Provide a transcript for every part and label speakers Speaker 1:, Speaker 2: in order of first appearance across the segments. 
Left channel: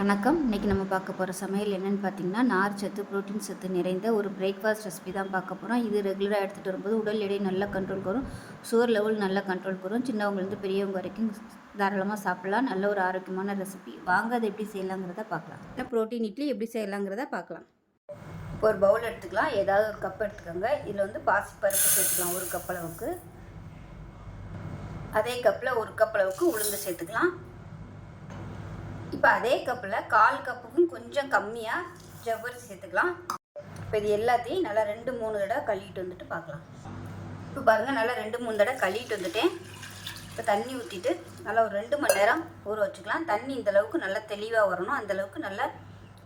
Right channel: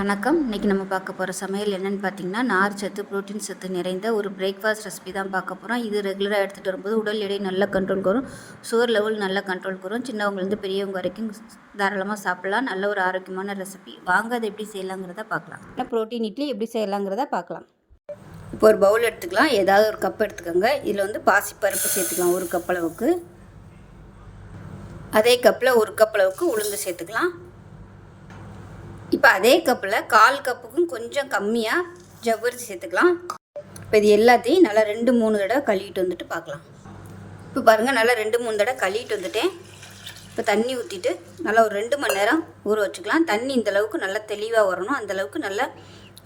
Speaker 1: வணக்கம். இன்றைக்கி நம்ம பார்க்க போகிற சமையல் என்னென்னு பார்த்தீங்கன்னா நார் சத்து புரோட்டீன் சத்து நிறைந்த ஒரு பிரேக்ஃபாஸ்ட் ரெசிபி தான் பார்க்க போகிறோம் இது ரெகுலராக எடுத்துகிட்டு வரும்போது உடல் எடை நல்ல கண்ட்ரோல் வரும் சுகர் லெவல் நல்லா கண்ட்ரோல் வரும் சின்னவங்கலேருந்து பெரியவங்க வரைக்கும் தாராளமாக சாப்பிடலாம். நல்ல ஒரு ஆரோக்கியமான ரெசிபி வாங்க அதை எப்படி செய்யலாங்கிறத பார்க்கலாம். இல்லை ப்ரோட்டீன் இட்லி எப்படி செய்யலாங்கிறத பார்க்கலாம். இப்போ ஒரு பவுல் எடுத்துக்கலாம். ஏதாவது ஒரு கப் எடுத்துக்கோங்க. இதில் வந்து பாசிப்பருப்பு சேர்த்துக்கலாம் ஒரு கப் அளவுக்கு. அதே கப்பில் ஒரு கப் அளவுக்கு உளுந்து சேர்த்துக்கலாம். இப்போ அதே கப்பில் கால் கப்புக்கும் கொஞ்சம் கம்மியாக ஜவ்வரிசி சேர்த்துக்கலாம். இப்போ இது எல்லாத்தையும் நல்லா ரெண்டு மூணு தடவை கழுவிட்டு வந்துட்டு பார்க்கலாம். இப்போ பாருங்கள் நல்லா ரெண்டு மூணு தடவை கழுவிட்டு வந்துட்டேன். இப்போ தண்ணி ஊற்றிட்டு நல்லா ஒரு ரெண்டு மணி நேரம் ஊற வச்சுக்கலாம். தண்ணி இந்தளவுக்கு நல்லா தெளிவாக வரணும். அந்தளவுக்கு நல்லா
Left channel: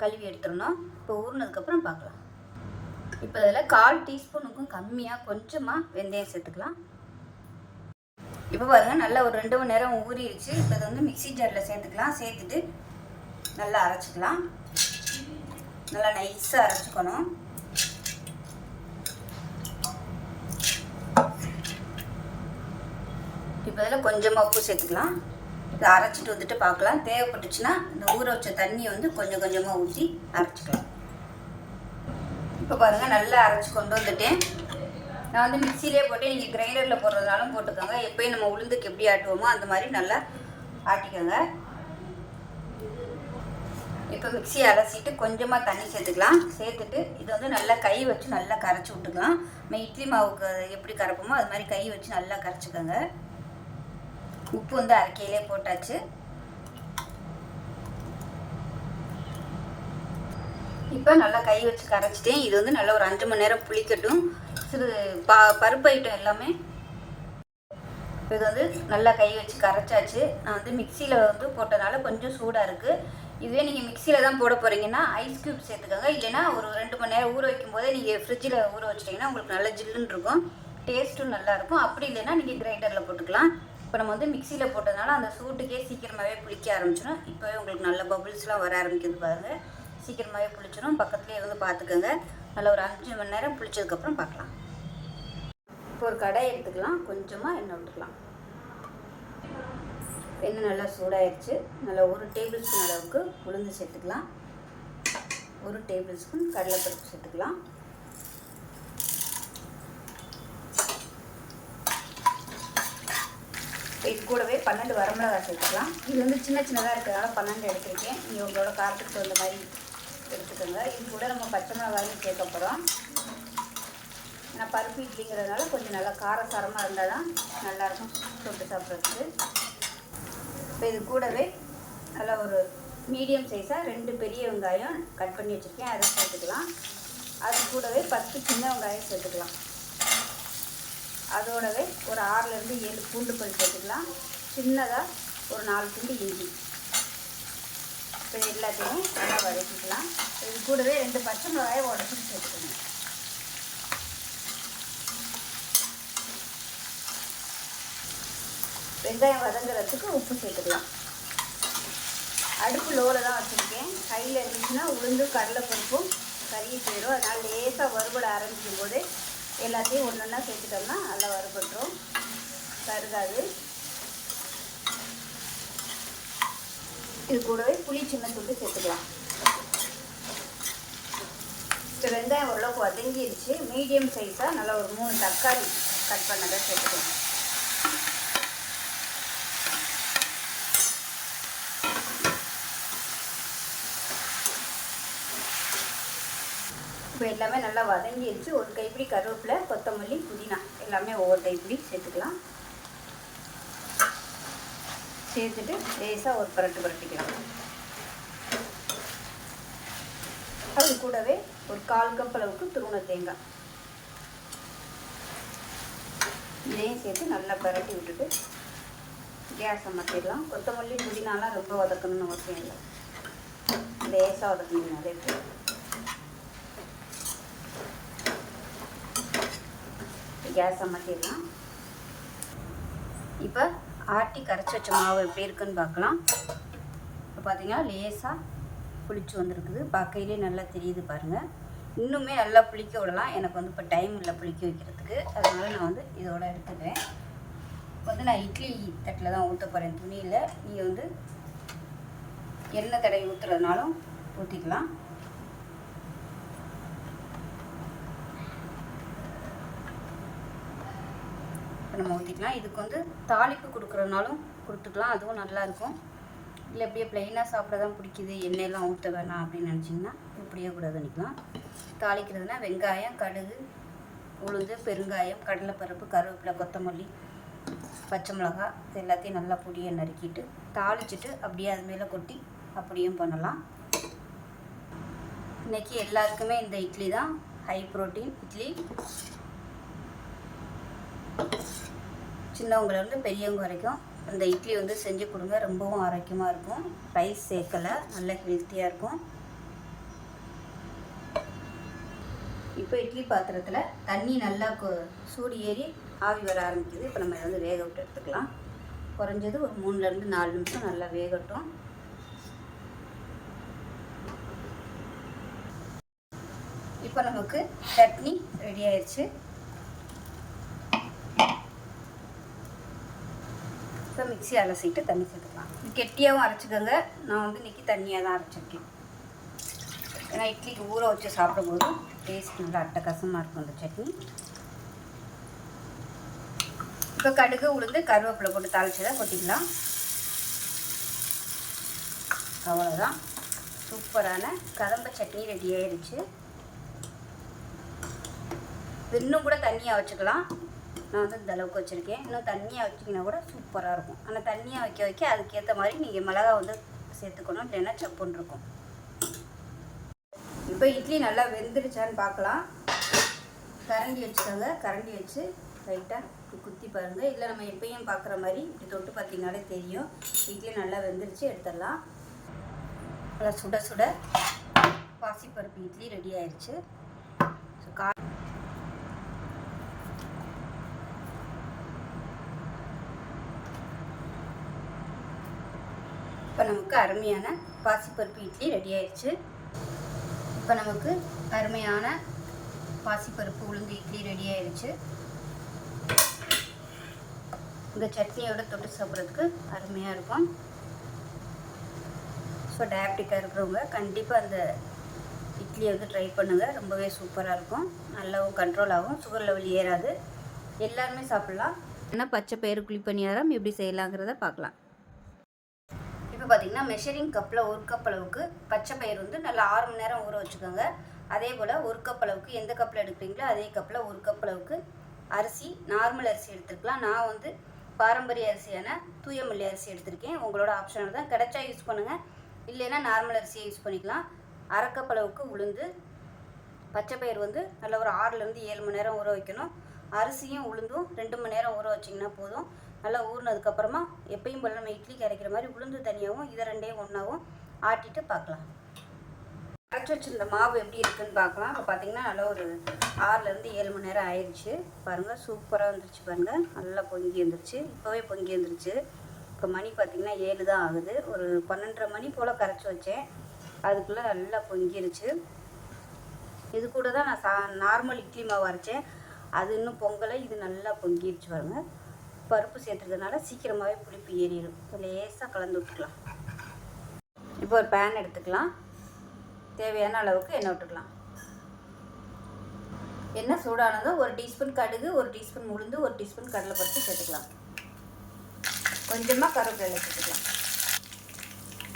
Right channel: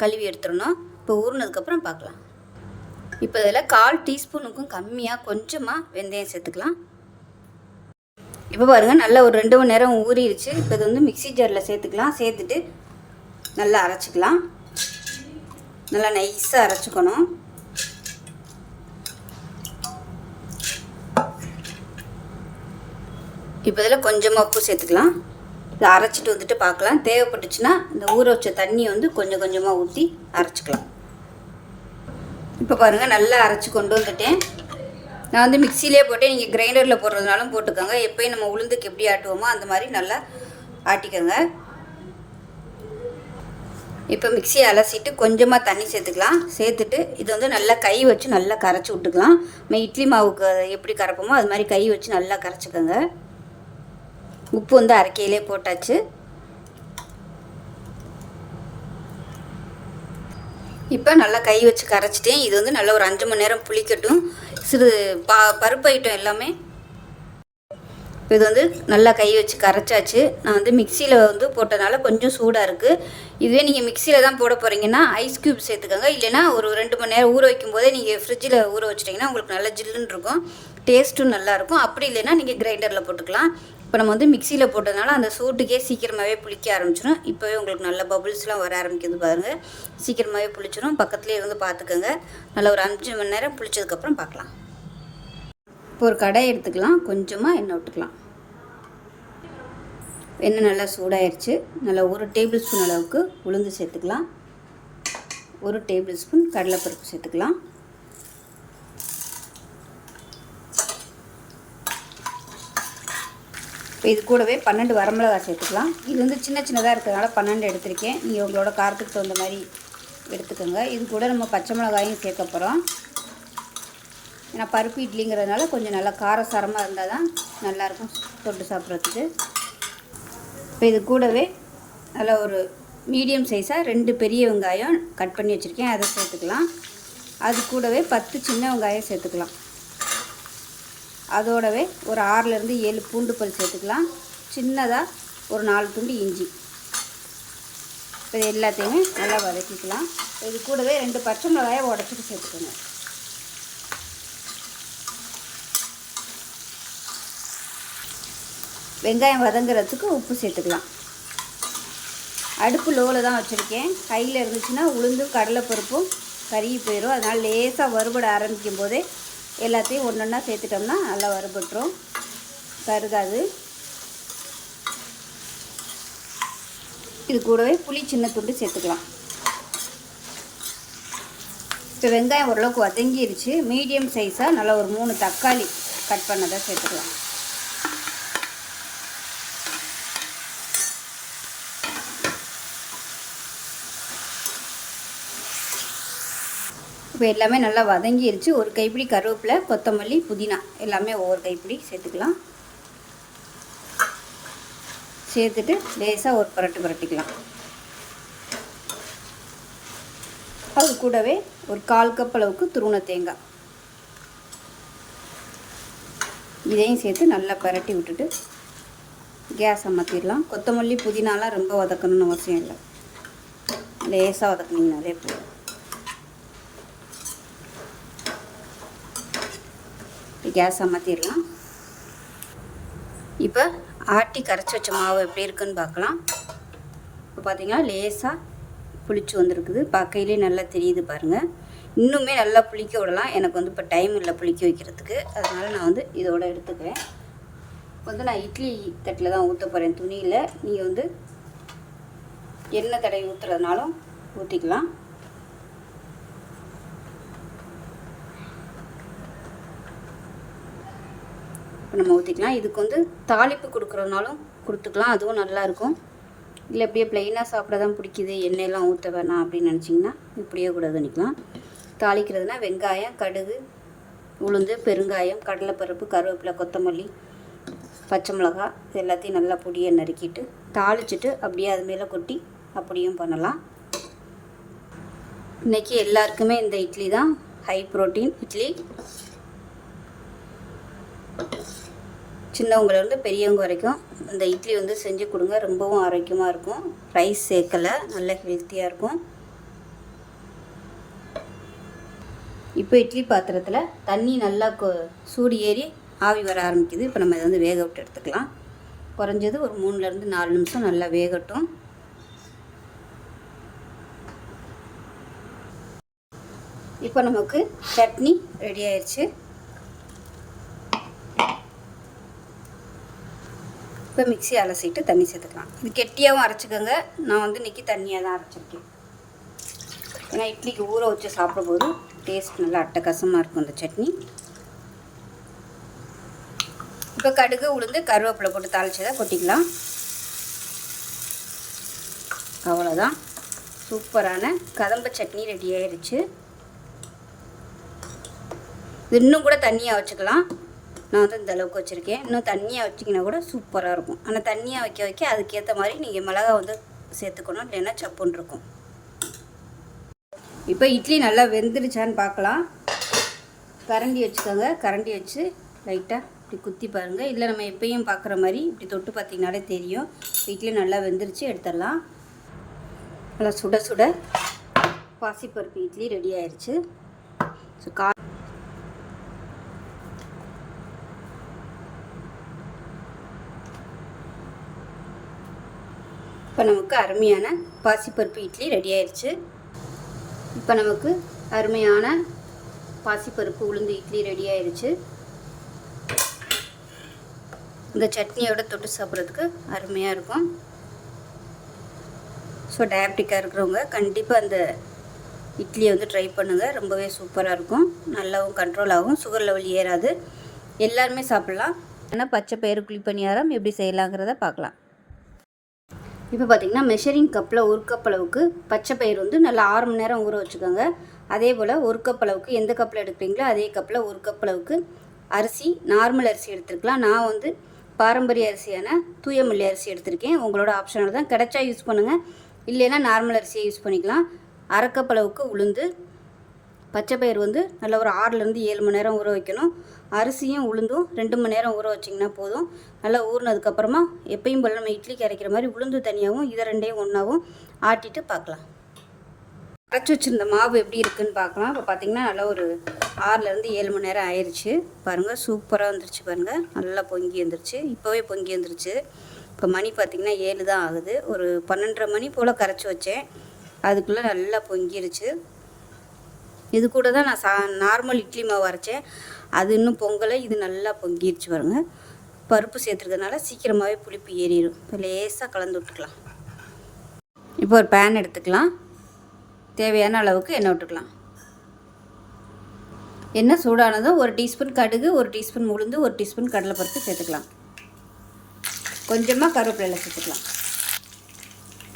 Speaker 1: கழுவி எடுத்துடணும். இப்போ ஊறினதுக்கப்புறம் பார்க்கலாம். இப்போ இதில் கால் டீஸ்பூனுக்கும் கம்மியாக கொஞ்சமாக வெந்தயம் சேர்த்துக்கலாம். இப்போ பாருங்கள் நல்லா ஒரு ரெண்டு மணி நேரம் ஊறிடுச்சு. இப்போ இது வந்து மிக்ஸி ஜாரில் சேர்த்துக்கலாம். சேர்த்துட்டு நல்லா அரைச்சிக்கலாம். நல்லா நைஸாக அரைச்சிக்கணும். இப்போ இதில் கொஞ்சமாக உப்பு சேர்த்துக்கலாம். இதை அரைச்சிட்டு வந்துட்டு பார்க்கலாம். தேவைப்பட்டுச்சுன்னா இந்த ஊற வச்ச தண்ணியை வந்து கொஞ்சம் கொஞ்சமாக ஊற்றி அரைச்சிக்கலாம். இப்போ பாருங்கள் நல்லா அரைச்சி கொண்டு வந்துட்டேன். நான் வந்து மிக்சிலே போட்டு நீங்கள் கிரைண்டரில் போடுறதுனாலும் போட்டுக்கோங்க. எப்போயும் நம்ம உளுந்துக்கு எப்படி ஆட்டுவோமோ அந்த மாதிரி நல்லா ஆட்டிக்கோங்க. இப்போ மிக்சியை அலசிட்டு கொஞ்சமாக தண்ணி சேர்த்துக்கலாம். சேர்த்துட்டு இது வந்து நல்லா கை வச்சு நல்லா கரைச்சி விட்டுக்கலாம். நம்ம இட்லி மாவுக்கு எப்படி கரைப்போமோ அது மாதிரி கை வச்சு நல்லா கரைச்சிக்கோங்க. உப்பு வந்து அரைக்கையிலே போட்டாச்சு. இப்போ நல்லா கை வச்சு கரைச்சிட்டேன் இது வந்து நல்லா ஒரு அஞ்சு மணி நேரம் புளிக்கட்டும். சிறு பா பருப்பு ஐட்டம் எல்லாமே இது வந்து நல்லா கை வச்சு கரைச்சாச்சு. நான் வந்து மிக்சியில் வந்து போட்டதுனால கொஞ்சம் சூடாக இருக்குது இதுவே நீங்கள் மிக்சியில் தான் போட போகிறீங்கன்னா ஐஸ் க்யூப் சேர்த்துக்கோங்க. இல்லைனா ஒரு ரெண்டு மணி நேரம் ஊற வைக்கும் போதே நீங்கள் ஃப்ரிட்ஜில் ஊற வச்சிட்டிங்கன்னா உங்களுக்கு நல்லா ஜில்லுன்னு இருக்கும். டேஸ்ட்டும் நல்லாயிருக்கும் அப்படி இல்லைன்னா நீங்கள் கிரைண்டரில் போட்டுக்கலாம். இப்போ நம்ம வந்து மிக்சியில் போட்டதுனால அந்த சூட்டுக்கே சீக்கிரமாகவே புளிக்க ஆரம்பிச்சிடும் இப்போவே உங்களுக்கு நல்ல பபுள்ஸ்லாம் வர ஆரம்பிக்குது பாருங்கள் சீக்கிரமாகவே புளிச்சிடும் பக்கத்துலேயே இருந்து பார்த்துக்கோங்க. நல்லா ஒரு அஞ்சு மணி நேரம் புளிச்சதுக்கப்புறம் பார்க்கலாம். இப்போ ஒரு கடை எடுத்துக்கலாம். கொஞ்சமாக எண்ணெய் விட்டுக்கலாம். எண்ணெய் நல்லா சூடாயிருச்சு. நல்லா ஒரு டேபிள் ஸ்பூன் அளவுக்கு உளுந்து சேர்த்துக்கலாம். ஒரு டேபிள் ஸ்பூன் கடலைப்பருப்பு சேர்த்துக்கலாம். இப்போ இது கூடவே பன்னெண்டு வரமிளகாய் சேர்த்துக்கலாம். இது வந்து சின்ன சின்னதாக இருக்கிறதால பன்னெண்டு எடுத்திருக்கேன். நீங்கள் உங்களோட காரத்துக்கு தகுந்த மாதிரி எடுத்துக்கோங்க. இது கூட நம்ம பச்சை மிளகாயும் சேர்க்க போகிறோம் ஏன்னா பருப்பு இட்லிங்கிறதுனால கொஞ்சம் நல்லா காரசாரமாக இருந்தால் தான் நல்லாயிருக்கும் தொட்டு சாப்பிட்றதுக்கு. இப்போ இது கூடவே நல்லா ஒரு மீடியம் சைஸாக ரெண்டு பெரிய வெங்காயம் கட் பண்ணி வச்சுருக்கேன். அதை சேர்த்துக்கலாம். அது கூடவே பத்து சின்ன வெங்காயம் சேர்த்துக்கலாம். அதோடவே ஒரு ஆறுலேருந்து ஏழு பூண்டு பல் சேர்த்துக்கலாம். சின்னதாக ஒரு நாலு துண்டு இஞ்சி. இது எல்லாத்தையுமே நல்லா வதக்கிக்கலாம். இது கூடவே ரெண்டு பச்சை மிளகாயை உடச்சிட்டு சேர்த்துக்கணும் வெங்காயம் வதங்குறதுக்கு உப்பு சேர்த்துக்கலாம். அடுப்பு லோவில் தான் வச்சுருக்கேன். கையில் இருந்துச்சுன்னா உளுந்து கடலைப்பருப்பும் கறி போயிடும் அதனால் லேசாக வறுபட ஆரம்பிக்கும் போதே எல்லாத்தையும் ஒன்று ஒன்றா சேர்த்துட்டோம்னா நல்லா வறுபட்டுரும். கருகாது. இது கூடவே புளி சின்ன துண்டு சேர்த்துக்கலாம். இப்போ வெங்காயம் ஓரளவுக்கு வதங்கிருச்சு. மீடியம் சைஸாக நல்லா ஒரு மூணு தக்காளி கட் பண்ணதை சேர்த்துக்கலாம். இப்போ எல்லாமே நல்லா வதங்கிருச்சு. ஒரு கைப்பிடி கருவேப்பிலை கொத்தமல்லி புதினா. எல்லாமே ஒவ்வொரு கைப்பிடி சேர்த்துக்கலாம். சேர்த்துட்டு லேசாக ஒரு புரட்டு புரட்டிக்கலாம். அது கூடவே ஒரு கால் கப் அளவுக்கு துருவண தேங்காய். இதையும் சேர்த்து நல்லா பரட்டி விட்டுட்டு கேஸ் அமர்த்திடலாம் கொத்தமல்லி புதினாலாம் ரொம்ப வதக்கணும்னு அவசியம் இல்லை. லேசாக வதக்கணும் நிறைய கேஸ் அமர்த்திடலாம் இப்போ ஆட்டி கரைச்சி வச்ச மாவு எப்படி இருக்குன்னு பார்க்கலாம். இப்போ பார்த்தீங்கன்னா லேசாக புளிச்சு வந்திருக்குது. பார்க்கையிலே நல்லா தெரியுது பாருங்கள் இன்னுமே நல்லா புளிக்க விடலாம். எனக்கு வந்து இப்போ டைம் இல்லை புளிக்க வைக்கிறதுக்கு. அதனால் நான் வந்து இதோட எடுத்துக்கிறேன். இப்போ வந்து நான் இட்லி தட்டில் தான் ஊற்ற போகிறேன் துணியில் நீங்கள் வந்து எண்ணெய் தடவை ஊற்றுறதுனாலும் ஊற்றிக்கலாம் நம்ம ஊற்றிக்கலாம் இதுக்கு வந்து தாளிப்பு கொடுக்குறதுனாலும் கொடுத்துக்கலாம் அதுவும் நல்லாயிருக்கும் இல்லை இப்படியே ப்ளைனாக சாப்பிட தான் பிடிக்குது எண்ணெயெல்லாம் ஊற்ற வேணாம் அப்படின்னு நினச்சிங்கன்னா இப்படியே கூட பண்ணிக்கலாம். தாளிக்கிறதுனா வெங்காயம் கடுகு உளுந்து பெருங்காயம் கடலைப்பருப்பு கருவேப்பிலை கொத்தமல்லி பச்சை மிளகாய் இது எல்லாத்தையும் நல்லா பொடியை நறுக்கிட்டு தாளிச்சிட்டு அப்படியே அது மேலே கொட்டி அப்படியும் பண்ணலாம். இன்றைக்கி எல்லாருக்குமே இந்த இட்லி தான். High protein idli. சின்னவங்கலேருந்து பெரியவங்க வரைக்கும் இந்த இட்லி வந்து செஞ்சு கொடுங்க. ரொம்பவும் ஆரோக்கியமாக இருக்கும். ரைஸ் சேர்க்கலை. நல்ல ஹெல்த்தியாக இருக்கும். இப்போ இட்லி பாத்திரத்தில் தண்ணி நல்லா கொ சூடு ஏறி ஆவி வர ஆரம்பிக்குது. இப்போ நம்ம இதை வந்து வேக விட்டு எடுத்துக்கலாம். குறைஞ்சது ஒரு மூணுலேருந்து நாலு நிமிஷம் நல்லா வேகட்டும். இப்போ நமக்கு சட்னி ரெடி ஆயிடுச்சு இப்போ மிக்சி அலசிட்டு தண்ணி சேர்த்துக்கலாம். இது கெட்டியாகவும் அரைச்சிக்கோங்க. நான் வந்து இன்றைக்கி தண்ணியாக தான் அரைச்சிருக்கேன். ஏன்னா இட்லிக்கு ஊற வச்சு சாப்பிடும்போது டேஸ்ட் நல்லா அட்டகாசமாக இருக்கும் இந்த சட்னி. இப்போ கடுகு உளுந்து கருவேப்பிலை போட்டு தாளிச்சதை கொட்டிக்கலாம். அவ்வளோதான் சூப்பரான கதம்ப சட்னி ரெடி ஆயிடுச்சு இன்னும் கூட தண்ணியாக வச்சுக்கலாம். நான் வந்து இந்த அளவுக்கு வச்சுருக்கேன். இன்னும் தண்ணியாக வச்சிங்கன்னா கூட சூப்பராக இருக்கும். ஆனால் தண்ணியாக வைக்க வைக்க அதுக்கேற்ற மாதிரி நீங்கள் மிளகா வந்து சேர்த்துக்கணும். இல்லைன்னா சப்புன்னு இருக்கும். இப்போ இட்லி நல்லா வெந்துருச்சான்னு பார்க்கலாம் கரண்டி வச்சுக்கோங்க. கரண்டி வச்சு லைட்டாக இப்படி குத்தி பாருங்கள் இதில் நம்ம எப்பயும் பார்க்குற மாதிரி இப்படி தொட்டு பார்த்திங்கனாலே தெரியும். இட்லி நல்லா வெந்துருச்சு எடுத்துடலாம். நல்லா சுட சுட பாசிப்பருப்பு இட்லி ரெடி ஆயிடுச்சு ஸோ கா இப்போ நமக்கு அருமையான பாசிப்பருப்பு இட்லி ரெடி ஆயிடுச்சு இப்போ நமக்கு அருமையான பாசிப்பருப்பு உளுந்து இட்லி ரெடி ஆயிடுச்சு இந்த சட்னியோட தொட்டு சாப்பிட்றதுக்கு அருமையாக இருக்கும். ஸோ டயபெட்டிக்காக இருக்கிறவங்க கண்டிப்பாக அந்த இட்லியை வந்து ட்ரை பண்ணுங்கள் ரொம்பவே சூப்பராக இருக்கும். நல்லாவும் கண்ட்ரோல் ஆகும். சுகர் லெவல் ஏறாது. எல்லாருமே சாப்பிட்லாம். ஆனால் பச்சை பயிறு குழி பணியாரம் எப்படி செய்யலாங்கிறத பார்க்கலாம். இப்போ பார்த்தீங்கன்னா மெஷரிங் கப்பில் ஒரு கப் அளவுக்கு பச்சை பயிர் வந்து நல்லா ஆறு மணி நேரம் ஊற வச்சுக்கோங்க. அதே போல் ஒரு கப் அளவுக்கு எந்த கப்பில் எடுக்கிறீங்களோ அதே கப்பில் ஒரு கப் அளவுக்கு அரிசி நார்மல் அரிசி எடுத்துருக்கலாம். நான் வந்து பாரம்பரிய அரிசியான தூயமல்லி அரிசி எடுத்திருக்கேன். உங்களோட ஆப்ஷனோட தான் கிடைச்சா யூஸ் பண்ணுங்கள் இல்லைன்னா நார்மல் அரிசியை யூஸ் பண்ணிக்கலாம். அரை அளவுக்கு உளுந்து. பச்சை பயிர் வந்து நல்லா ஒரு ஆறுலேருந்து ஏழு மணி நேரம் ஊற வைக்கணும். அரிசியும் உளுந்தும் ரெண்டு மணி நேரம் ஊற வச்சிங்கன்னா போதும். நல்லா ஊறினதுக்கப்புறமா எப்பயும் போல் நம்ம இட்லிக்கு அரைக்கிற மாதிரி உளுந்து தனியாகவும் இதை ரெண்டையும் ஒன்றாவும் ஆட்டிட்டு பார்க்கலாம். அரைச்சி வச்சுருந்த மாவு எப்படி இருக்குன்னு பார்க்கலாம். இப்போ பார்த்தீங்கன்னா நல்லா ஒரு ஆறுலேருந்து ஏழு மணி நேரம் ஆயிடுச்சு பாருங்கள் சூப்பராக வந்துருச்சு பாருங்கள் நல்லா பொங்கி வந்துருச்சு. இப்போவே பொங்கி வந்துருச்சு. இப்போ மணி பார்த்திங்கன்னா ஏழு தான் ஆகுது. ஒரு பன்னெண்டரை மணி போல் கரைச்சி வச்சேன். அதுக்குள்ளே நல்லா பொங்கிருச்சு. இது கூட தான் நான் சா நார்மல் இட்லி மாவு அரைச்சேன். அது இன்னும் பொங்கலை இது நல்லா பொங்கிருச்சு பாருங்க. பருப்பு சேர்த்துருக்கறதுனால சீக்கிரமாகவே புளிப்பு ஏறிடும் இப்போ லேசாக கலந்து விட்டுக்கலாம். இப்போ ஒரு பேன் எடுத்துக்கலாம். தேவையான அளவுக்கு எண்ணெய் விட்டுக்கலாம். எண்ணெய் சூடானதும் ஒரு டீஸ்பூன் கடுகு ஒரு டீஸ்பூன் உளுந்து ஒரு டீஸ்பூன் கடலைப்பருப்பு சேர்த்துக்கலாம். கொஞ்சமாக கருவேப்பிலை சேர்த்துக்கலாம்.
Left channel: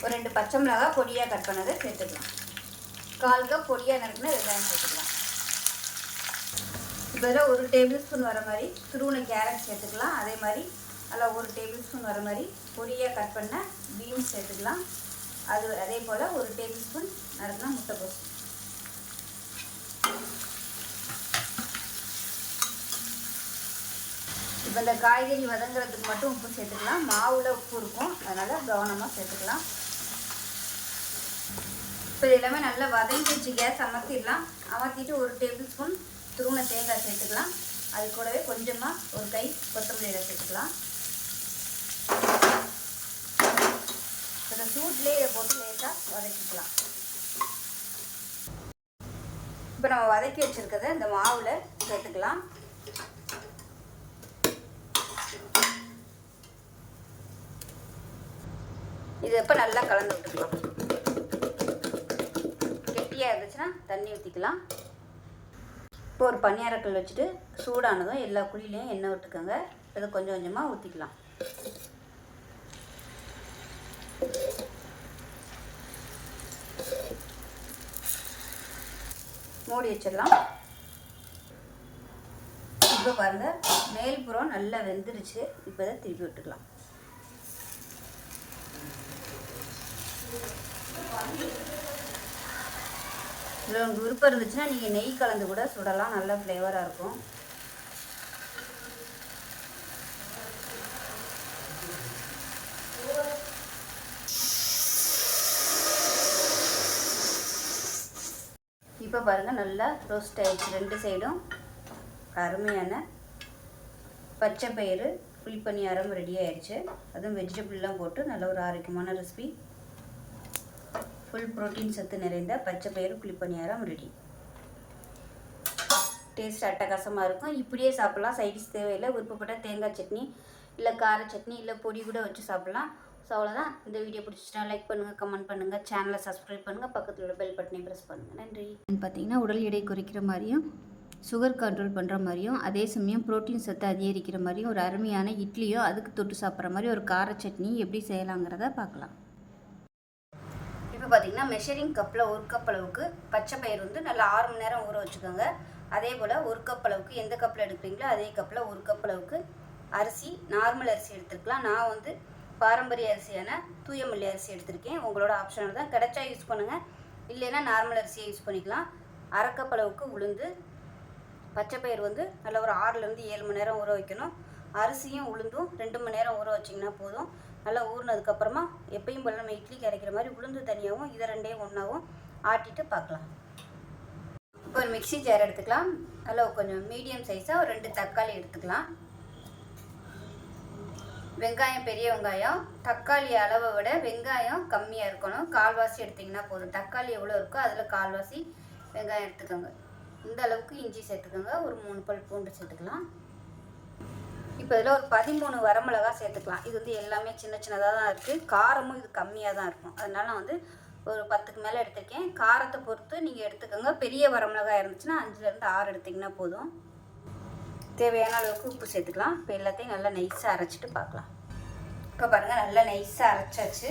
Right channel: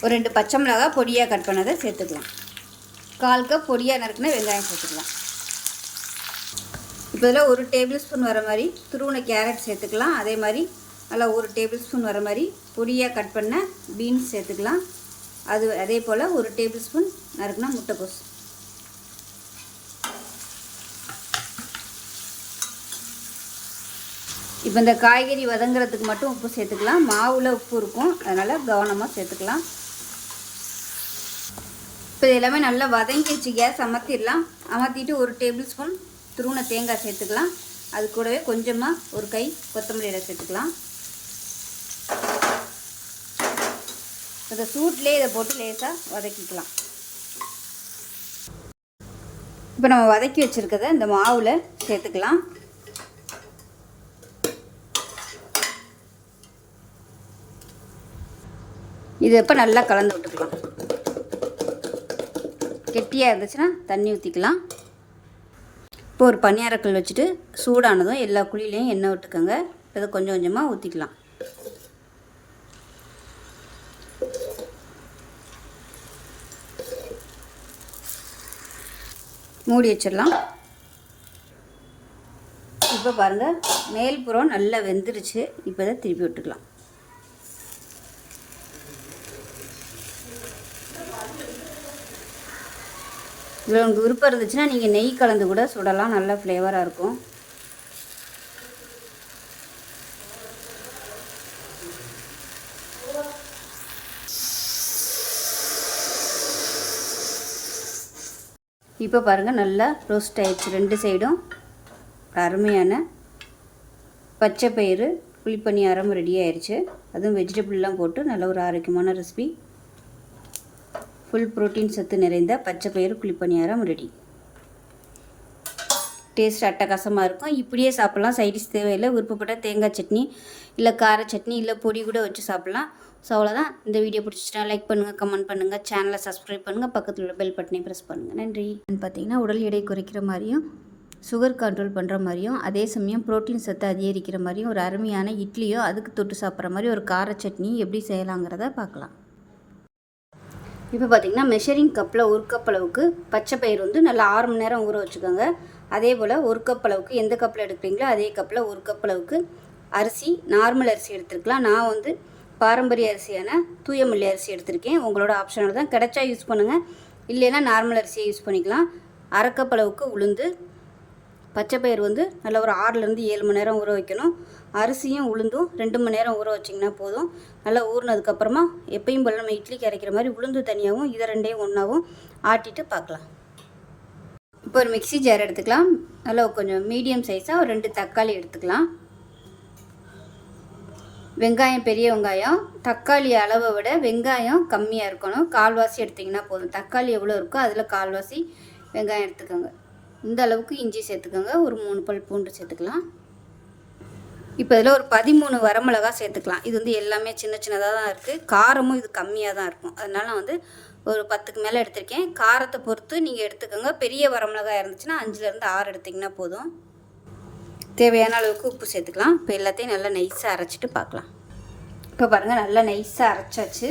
Speaker 1: ஒரு ரெண்டு பச்சை மிளகாய் பொடியாக கட் பண்ணதை சேர்த்துக்கலாம். கால் கப் பொடியாக நறுக்குன்னா வெங்காயம் சேர்த்துக்கலாம். இப்போ இதில் ஒரு டேபிள் ஸ்பூன் வர மாதிரி துருவனை கேரட் சேர்த்துக்கலாம். அதே மாதிரி நல்லா ஒரு டேபிள் ஸ்பூன் வர மாதிரி பொடியாக கட் பண்ண பீன்ஸ் சேர்த்துக்கலாம். அது அதே போல் ஒரு டேபிள் ஸ்பூன் நறுக்குனா முட்டைக்கோஸ். இப்போ இந்த காய்கறி வதங்குறதுக்கு மட்டும் உப்பு சேர்த்துக்கலாம். மாவில் உப்பு இருக்கும். அதனால் கவனமாக சேர்த்துக்கலாம். இப்போ இது எல்லாமே நல்லா வதங்கிடுச்சு கேஸ் அமர்த்திடலாம் அமர்த்திட்டு ஒரு டேபிள் ஸ்பூன் துருவன தேங்காய் சேர்த்துக்கலாம். அது கூடவே கொஞ்சமாக ஒரு கை கொத்தமல்லி சேர்த்துக்கலாம். இந்த சூட்லேயே இதை போட்டு லேசாக வதக்கிக்கலாம். இப்போ நம்ம வதக்கி வச்சுருக்கத இந்த மாவில் சேர்த்துக்கலாம். இது இப்போ நல்லா கலந்து விட்டுக்கலாம். கெட்டியாக இருந்துச்சுன்னா தண்ணி ஊற்றிக்கலாம் இப்போ ஒரு பணியாரக்கல் வச்சுட்டு சூடானதும் எல்லா குழியிலையும் எண்ணெய் விட்டுக்கோங்க. அதை கொஞ்சம் கொஞ்சமாக ஊற்றிக்கலாம் மூடி வச்சிடலாம். இப்போ பாருங்கள் மேல்புறம் நல்லா வெந்துருச்சு. இப்போ தான் திருப்பி விட்டுக்கலாம். இதில் உங்களுக்கு விருப்பம் இருந்துச்சுன்னா நீங்கள் நெய் கலந்து கூட சுடலாம். நல்லா ஃப்ளேவராக இருக்கும். இப்போ பாருங்கள் நல்லா ரோஸ்ட் ஆயிடுச்சு. ரெண்டு சைடும் அருமையான பச்சை பயிறு புளிப்பணியாரம் ரெடி ஆயிடுச்சு அதுவும் வெஜிடபிள்லாம் போட்டு நல்ல ஒரு ஆரோக்கியமான ரெசிபி ஃபுல் புரோட்டீன் சத்து நிறைந்த பச்சை பயிறு குழிப்பணியாரம் ரெடி டேஸ்ட் அட்டகாசமாக இருக்கும். இப்படியே சாப்பிட்லாம். சைடிஷ் தேவையில்லை. விருப்பப்பட்ட தேங்காய் சட்னி இல்லை கார சட்னி இல்லை பொடி கூட வச்சு சாப்பிட்லாம். ஸோ அவ்வளோதான் இந்த வீடியோ பிடிச்சிட்டா லைக் பண்ணுங்கள் கமெண்ட் பண்ணுங்கள் சேனலை சப்ஸ்கிரைப் பண்ணுங்கள் பக்கத்தில் உள்ள பெல் பட்டனை ப்ரெஸ் பண்ணுங்கள் நன்றி. பார்த்தீங்கன்னா உடல் எடை குறைக்கிற மாதிரியும் சுகர் கண்ட்ரோல் பண்ணுற மாதிரியும் அதே சமயம் புரோட்டீன் சத்து அதிகரிக்கிற மாதிரியும் ஒரு அருமையான இட்லியோ அதுக்கு தொட்டு சாப்பிட்ற மாதிரி ஒரு கார சட்னி எப்படி செய்யலாங்கிறத பார்க்கலாம். இப்போ பார்த்தீங்கன்னா மெஷரிங் கப்பில் ஒரு கப் அளவுக்கு பச்சை பயிர் வந்து நல்லா ஆறு மணி நேரம் ஊற வச்சுக்கோங்க. அதே போல் ஒரு கப் அளவுக்கு எந்த கப்பில் எடுக்கிறீங்களோ அதே கப்பில் ஒரு கப் அளவுக்கு அரிசி நார்மல் அரிசி எடுத்துருக்கலாம். நான் வந்து பாரம்பரிய அரிசியான தூயமல்லி அரிசி எடுத்திருக்கேன். உங்களோட ஆப்ஷனோட தான் கிடைச்சா யூஸ் பண்ணுங்கள் இல்லைன்னா நார்மல் அரிசியை யூஸ் பண்ணிக்கலாம். அரை கப் அளவுக்கு உளுந்து. பச்சை பயிர் வந்து நல்லா ஒரு ஆறுலேருந்து ஏழு மணி நேரம் ஊற வைக்கணும். அரிசியும் உளுந்தும் ரெண்டு மணி நேரம் ஊற வச்சிங்கன்னா போதும். நல்லா ஊறினதுக்கப்புறமா எப்பயும் போல் நம்ம இட்லிக்கு அரைக்கிற மாதிரி உளுந்து தனியாகவும் இதை ரெண்டையும் ஒன்றாவும் ஆட்டிட்டு பார்க்கலாம். இப்போ ஒரு மிக்ஸி ஜார் எடுத்துக்கலாம். நல்லா கொஞ்சம் மீடியம் சைஸாக ஒரு ரெண்டு தக்காளி எடுத்துக்கலாம். வெங்காயம் பெரிய வெங்காயம். தக்காளி அளவை விட வெங்காயம் கம்மியாக இருக்கணும். கால்வாசி எடுத்திங்கன்னா போதும். தக்காளி எவ்வளோ இருக்கோ அதில் கால்வாசி வெங்காயம் எடுத்துக்கோங்க. இந்த அளவுக்கு இஞ்சி சேர்த்துக்கோங்க. ஒரு மூணு பல் பூண்டு சேர்த்துக்கலாம். இப்போ இதில் ஒரு பதிமூணு வரமிளகா சேர்த்துக்கலாம். இது வந்து எல்லாமே சின்ன சின்னதாக தான் இருக்குது காரமும் இது கம்மியாக தான் இருக்கும். அதனால வந்து ஒரு பத்துக்கு மேலே எடுத்திருக்கேன். காரத்தை பொறுத்து நீங்கள் எடுத்துக்கோங்க. பெரிய வரமிளகா இருந்துச்சுன்னா அஞ்சுலேருந்து ஆறு எடுத்திங்கன்னா போதும். தேவையான அளவுக்கு உப்பு சேர்த்துக்கலாம். இப்போ எல்லாத்தையும் நல்லா நைஸாக அரைச்சிட்டு பார்க்கலாம். இப்போ பாருங்கள் நல்லா நைஸாக அரைச்சாச்சு.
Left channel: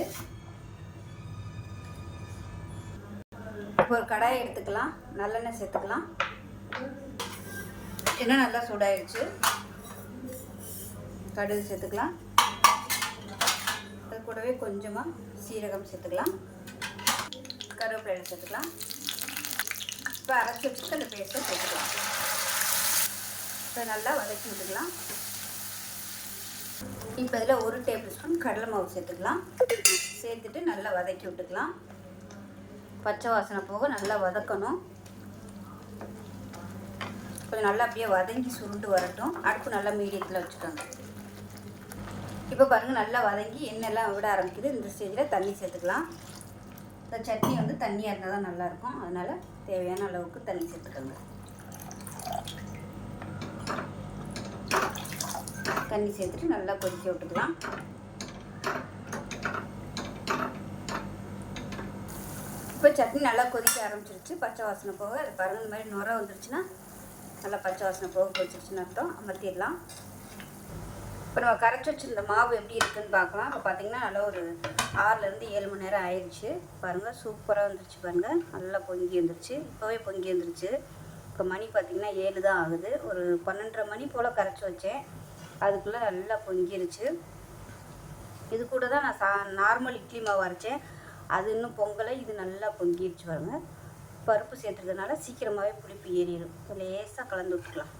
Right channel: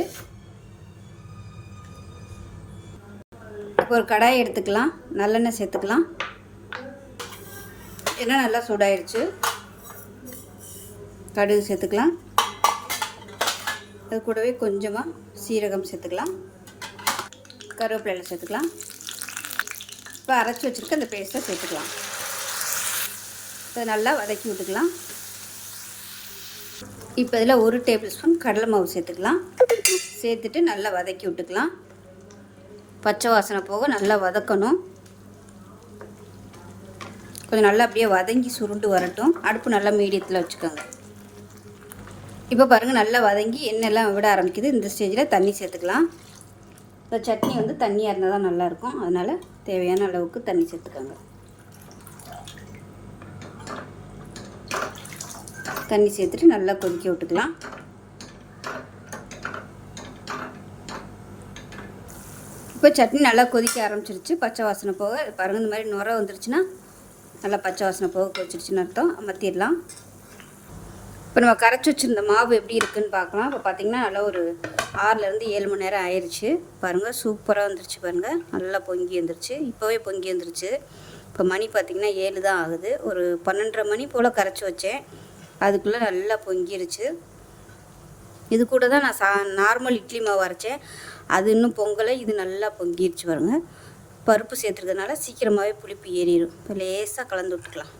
Speaker 1: இப்போ ஒரு கடாயை எடுத்துக்கலாம். நல்லெண்ணெய் சேர்த்துக்கலாம். எண்ணெய் நல்லா சூடாயிடுச்சு கடுகு சேர்த்துக்கலாம். அது கூடவே கொஞ்சமாக சீரகம் சேர்த்துக்கலாம். கருவேப்பிலை சேர்த்துக்கலாம். இப்போ அரைச்சி வச்சுருக்க அந்த பேஸ்ட்டை சேர்த்துக்கலாம். அது நல்லா வதக்கி விட்டுக்கலாம். இப்போ இதில் ஒரு டேபிள் ஸ்பூன் கடலை மாவு சேர்த்துக்கலாம். சேர்த்துட்டு நல்லா வதக்கி விட்டுக்கலாம். பச்சை வாசனை போக நல்லா வதக்கணும். கொஞ்சம் நல்லா அப்படியே வதங்கி சுருண்டு வரட்டும். அடுப்பு நல்லா மீடியத்தில் வச்சுக்கோங்க. இப்போ பாருங்கள் நல்லா வதங்கி எண்ணெய்லாம் விட ஆரம்பிக்குது. இந்த ஸ்டேஜில் தண்ணி சேர்த்துக்கலாம். இந்த சட்னி வந்து தண்ணியாக இருந்தால் தான் நல்லாயிருக்கும். அதனால் தேவையான அளவுக்கு தண்ணி சேர்த்துக்கோங்க. தண்ணி சேர்த்துட்டு நல்லா கொதிக்க விட்டுக்கலாம். இப்போ சட்னி நல்லா கொதிக்க ஆரம்பிச்சிருச்சு. பச்சை வாசனை போக பாருங்கள் இந்த மாதிரி நுர வந்துருச்சுன்னா நல்லா பச்சை வாசனை போக கொதிச்சிருச்சுன்னு அர்த்தம். அமர்த்திடலாம். இப்போ நம்ம கரைச்சி வச்சுருந்த மாவு எப்படி இருக்குன்னு பார்க்கலாம். இப்போ பார்த்திங்கன்னா நல்லா ஒரு ஆறுலேருந்து ஏழு மணி நேரம் ஆயிடுச்சு பாருங்கள் சூப்பராக வந்துருச்சு பாருங்கள் நல்லா பொங்கி வந்துருச்சு. இப்போவே பொங்கி வந்துருச்சு. இப்போ மணி பார்த்திங்கன்னா ஏழு தான் ஆகுது. ஒரு பன்னெண்டரை மணி போல் கரைச்சி வச்சேன். அதுக்குள்ளே நல்லா பொங்கிருச்சு. இது கூட தான் நான் சா நார்மல் இட்லி மாவு அரைச்சேன். அது இன்னும் பொங்கலை இது நல்லா பொங்கிருச்சு பாருங்க. பருப்பு சேர்த்துறதுனால சீக்கிரமாகவே புளிப்பு ஏறிடும் இப்போ லேசாக கலந்து விட்டுக்கலாம்.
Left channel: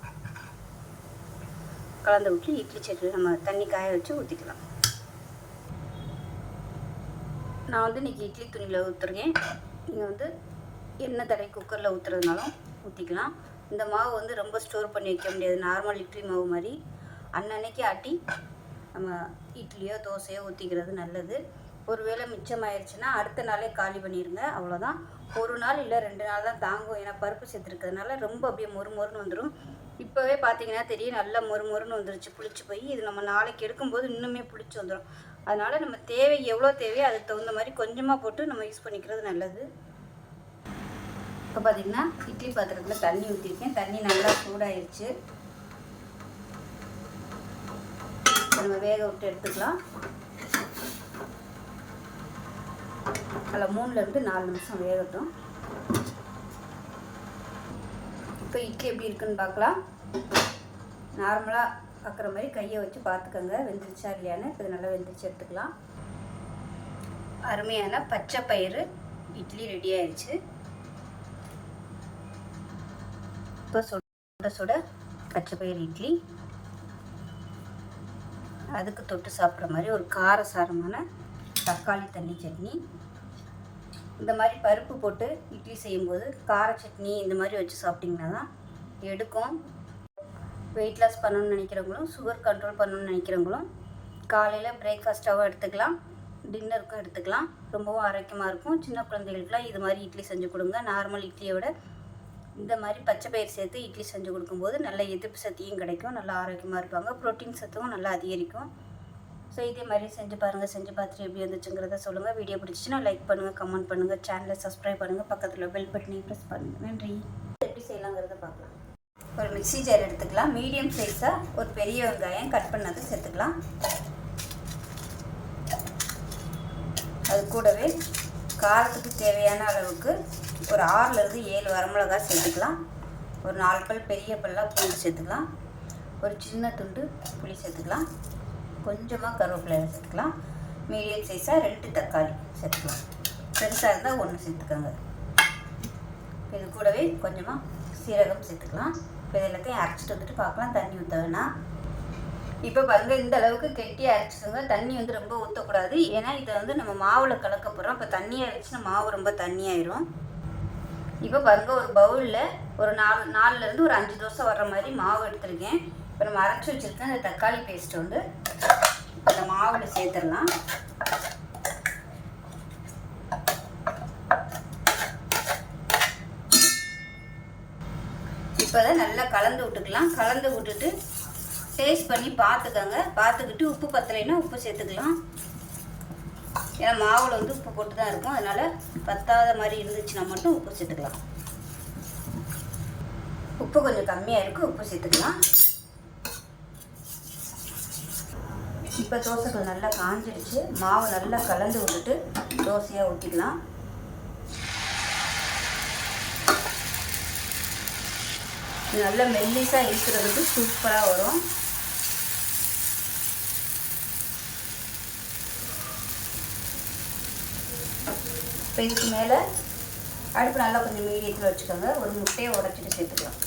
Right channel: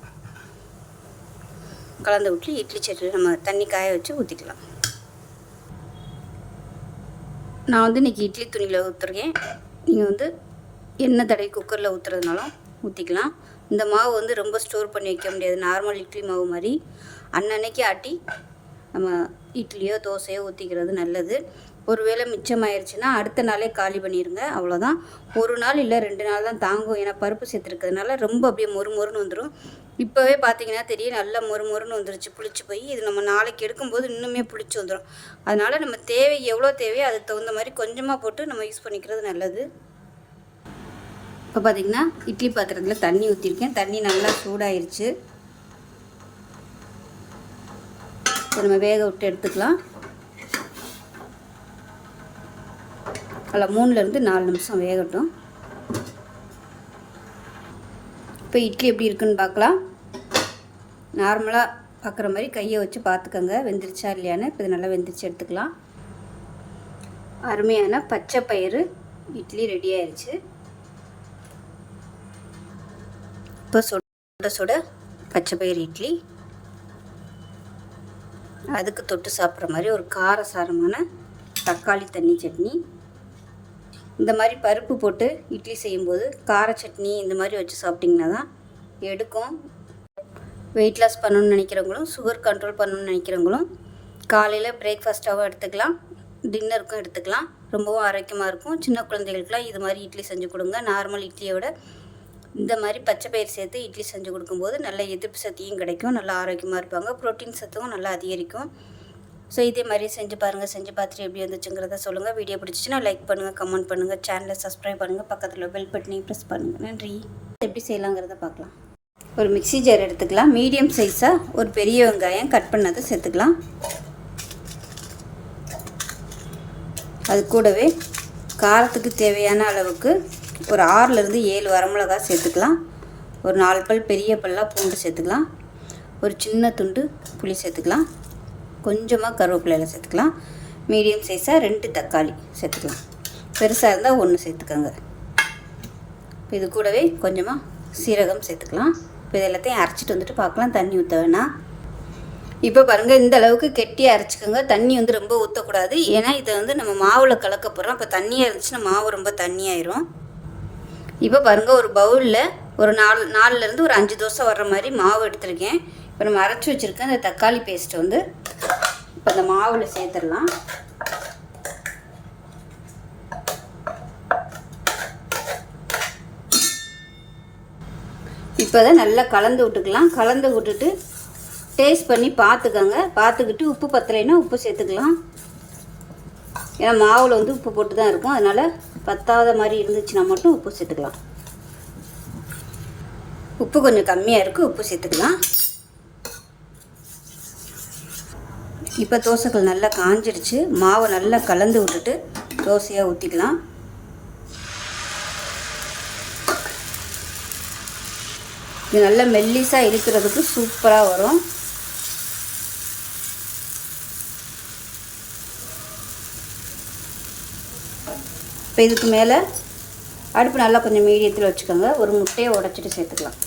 Speaker 1: கலந்து விட்டு இட்லி சட்னி நம்ம தண்ணி காய வச்சு ஊற்றிக்கலாம் நான் வந்து இன்றைக்கி இட்லி துணியில் ஊற்றுருக்கேன் நீங்கள் வந்து எண்ணெய் தடவை குக்கரில் ஊற்றுறதுனாலும் ஊற்றிக்கலாம் இந்த மாவு வந்து ரொம்ப ஸ்டோர் பண்ணி வைக்க முடியாது. நார்மல் இட்லி மாவு மாதிரி. அன்னன்னைக்கு ஆட்டி நம்ம இட்லியோ தோசையோ ஊற்றிக்கிறது நல்லது. ஒருவேளை மிச்சமாயிருச்சுன்னா அடுத்த நாளே காலி பண்ணிடுங்க அவ்வளோதான் ஒரு நாள் இல்லை ரெண்டு நாள் தான் தாங்கும். ஏன்னா பருப்பு சேர்த்துருக்கிறதுனால ரொம்ப அப்படியே மொறு மொறுன்னு வந்துடும் இப்போவே பார்த்தீங்கன்னா தெரியும் நல்லா மொறு மொறுன்னு வந்துருச்சு. புளிச்சு போய் இது நம்ம நாளைக்கு எடுக்கும்போது இன்னுமே புளிச்சு வந்துடும் அதனால் நம்ம தேவை எவ்வளோ தேவையோ அதுக்கு தகுந்த மாதிரி கொஞ்சமாக போட்டு நம்ம யூஸ் பண்ணிக்கிறது நல்லது. இப்போ பார்த்தீங்கன்னா இட்லி பாத்திரத்தில் தண்ணி ஊற்றிருக்கேன் தண்ணி நல்லா சூடாயிருச்சு. இப்போ நம்ம வேக விட்டு எடுத்துக்கலாம். அதில் மூணுலேருந்து நாலு நிமிஷம் வேகட்டும். இப்போ இட்லி எப்படி இருக்குன்னு பார்க்கலாம். நார்மலாக பார்க்குற மாதிரி கையை வச்சு பார்த்துக்கோங்க. வெந்துருச்சா இல்லையான்னு இப்போ இது நல்லா வெந்துருச்சு எடுத்துக்கலாம். அருமையான பச்சை பயிறு இட்லி ரெடி ஆயிடுச்சு இப்போ சுட சுட பச்சை பயிறு இட்லி. அதுக்கு தொட்டு சாப்பிட்ற மாதிரி ஒரு காரசாரமான தக்காளி தண்ணி சட்னி. இந்த மாதிரி பருப்பு போட்டு இட்லி செய்யும்போது கார சட்னி இந்த மாதிரி வச்சு சாப்பிட்டிங்கன்னா தான் எடுக்கும். வெயிட் லாஸ் பண்ணணும்னு நினைக்கிறவங்களும் சுகர் கண்ட்ரோல் பண்ணணும்னு நினைக்கிறவங்களும் காலையில் பிரேக்ஃபாஸ்ட்டாகவும் எடுத்துக்கலாம். டின்னருக்கும் எடுத்துக்கலாம். ரொம்பவும் ஆரோக்கியமாக இருக்கும். சின்ன குழந்தைகளுக்குலாம் இது மாதிரி இட்லி செஞ்சு கொடுங்க. நார்மல் இட்லியை விட இந்த மாதிரி பச்சை பயிர் சேர்த்து இட்லி செஞ்சு கொடுக்கும்போது நல்ல எதிர்ப்பு சக்தியும் கிடைக்கும். நல்லா ஆரோக்கியமாக இருப்பாங்க. ப்ரோட்டீன் சத்தும் நல்லா அதிகரிக்கும். ஸோ இதே மாதிரி செஞ்சு பாருங்கள் செஞ்சு பார்த்துட்டு எப்படி வந்துச்சுங்கிறத சொல்லுங்கள் வீடியோ பிடிச்சிச்சுன்னா லைக் பண்ணுங்கள் கமெண்ட் பண்ணுங்கள் சேனலை சப்ஸ்கிரைப் பண்ணுங்கள் பக்கத்தில் பெல் பட்டனையும் ப்ரெஸ் பண்ணுங்கள் நன்றி. எப்படி செய்யலாங்கிறத பார்க்கலாம். ஒரு மிக்ஸி ஜார் எடுத்துக்கலாம். மீடியம் சைஸாக ஒரு பெரிய வெங்காயம் கட் பண்ணதை சேர்த்துக்கலாம். அது கூடவே காரத்துக்கு தேவையான அளவுக்கு ஒரு ஆறுலேருந்து ஏழு வரமிளகாய் சேர்த்துக்கலாம். ஒரு நாலு பல் பெரிய பல்லாக பூண்டு சேர்த்துக்கலாம். ஒரு சின்ன துண்டு புளி சேர்த்துக்கலாம். கொஞ்சமாக கருவேப்பிலையில் சேர்த்துக்கலாம். மீடியம் சைஸாக ரெண்டு தக்காளி சேர்த்துக்கலாம். பெருசாக இருந்தால் ஒன்று சேர்த்துக்கோங்க. இப்போ இது கூடவே கொஞ்சமாக சீரகம் சேர்த்துக்கலாம். இப்போ இது எல்லாத்தையும் அரைச்சிட்டு வந்துட்டு பார்க்கலாம். தண்ணி ஊற்ற வேணாம். இப்போ பாருங்கள் இந்த அளவுக்கு கெட்டியாக அரைச்சிக்கோங்க. தண்ணி வந்து ரொம்ப ஊற்றக்கூடாது ஏன்னா இதை வந்து நம்ம மாவில் கலக்க போகிறோம் இப்போ தண்ணியாக இருந்துச்சுன்னா மாவு ரொம்ப தண்ணியாயிரும். இப்போ பாருங்கள் ஒரு பவுலில் ஒரு நாலு நாலுலேருந்து ஒரு அஞ்சு தோசை வர்ற மாதிரி மாவு எடுத்திருக்கேன். இப்போ நம்ம அரைச்சி வச்சுருக்க அந்த தக்காளி பேஸ்ட் வந்து இப்போ மாவில் சேர்த்துடலாம். இப்போ தான் நல்லா கலந்து விட்டுக்கலாம். கலந்து விட்டுட்டு டேஸ்ட் பண்ணி பார்த்துக்கோங்க. பார்த்துக்கிட்டு உப்பு பத்தலைன்னா உப்பு சேர்த்துக்கலாம். ஏன்னா மாவில் வந்து உப்பு போட்டு தான் இருக்கும். அதனால் பத்தாத மாதிரி இருந்துச்சுன்னா மட்டும் உப்பு சேர்த்துக்கலாம். உப்பு கொஞ்சம் கம்மியாக இருக்குது உப்பு சேர்த்துக்கலாம். இப்போ தோசைகள் நல்லா காஞ்சிடுச்சு மாவை நல்லா கலந்து விட்டுட்டு தோசையாக ஊற்றிக்கலாம் இது நல்லா மெல்லிஸாக இருக்கிறதுக்கு சூப்பராக வரும். இப்போ இதுக்கு மேலே அடுப்பு நல்லா கொஞ்சம் மீடியத்தில் வச்சுக்கோங்க. ஒரு முட்டையை உடச்சிட்டு சேர்த்துக்கலாம்.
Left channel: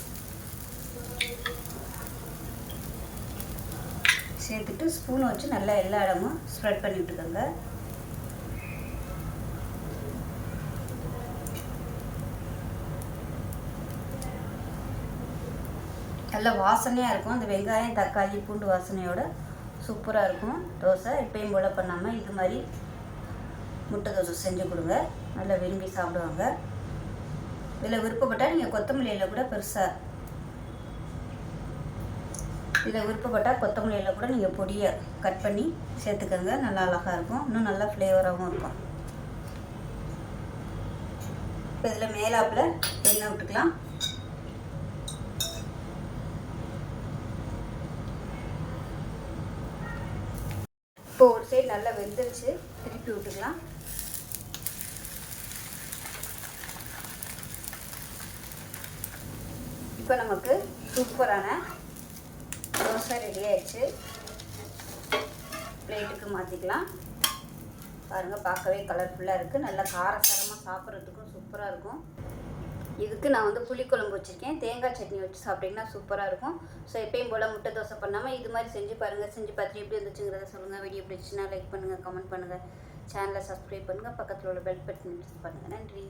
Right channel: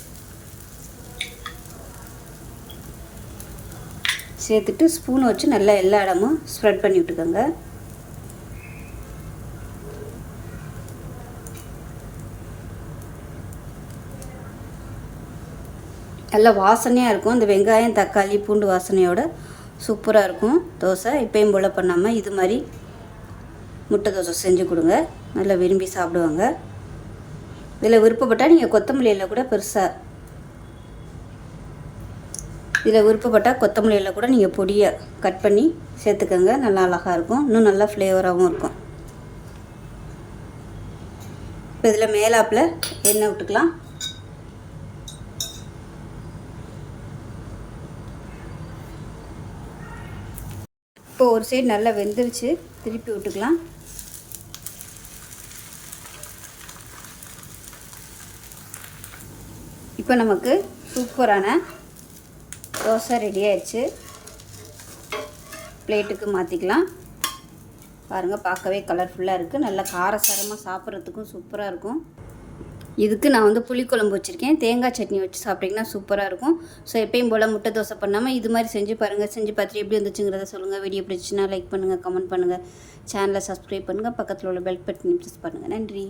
Speaker 1: சேர்த்துட்டு ஸ்பூன் வச்சு நல்லா எல்லா இடமும் ஸ்ப்ரெட் பண்ணி விட்டுக்கோங்க. நல்லா வாசனையாக இருக்கும். இந்த வெங்காயம் தக்காளி பூண்டு வாசனையோட சூப்பராக இருக்கும். தோசை இப்போயும் போல் பண்ணாமல் இது மாதிரி முட்டை தோசை செஞ்சு கொடுங்க. நல்லா விரும்பி சாப்பிடுவாங்க. இதில் விருப்பப்பட்டால் நீங்கள் கொத்தமல்லியில் கூட பெருசாக இதில் விருப்பப்பட்டால் கொத்தமல்லியில் கூட நீங்கள் பொடியை கட் பண்ணி சேர்த்துக்கோங்க. நல்லா அழகாக இருக்கும். இன்னும் நல்லா ஃப்ளேவராகவும் இருக்கும். இப்போ இதில் மேலாப்பில் எண்ணெய் விட்டுக்கலாம். இப்போ ஒரு சைடு நல்லா வெந்துருச்சு. திருப்பி விட்டுக்கலாம். இப்போ நமக்கு சூப்பரான தோசை ரெடி ஆயிடுச்சு. பிளேட்டுக்கு மாற்றிக்கலாம் பாருங்கள் பார்க்கவே கலர்ஃபுல்லாக இருக்குது நல்லா காரசாரமாக சாப்பிட்றதுக்கும் சூப்பராக இருக்கும். இதுக்கு நான் வந்து புளிக்குழம்பு வச்சுருக்கேன். தேங்காய் சட்னி வச்சு சாப்பிட்டிங்கன்னா சூப்பராக இருக்கும். ஸோ எப்பயும் போல் முட்டை தோசை பண்ணாமல் இது மாதிரி செஞ்சு பாருங்கள் செஞ்சு பார்த்துட்டு எப்படி வந்துச்சுங்கிறத சொல்லுங்கள் வீடியோ பிடிச்சின்னா லைக் பண்ணுங்கள் கமெண்ட் பண்ணுங்கள் சேனலை சப்ஸ்கிரைப் பண்ணுங்கள் பக்கத்தில் உள்ள பெல் பட்டன் ப்ரெஸ் பண்ணுங்கள் நன்றி.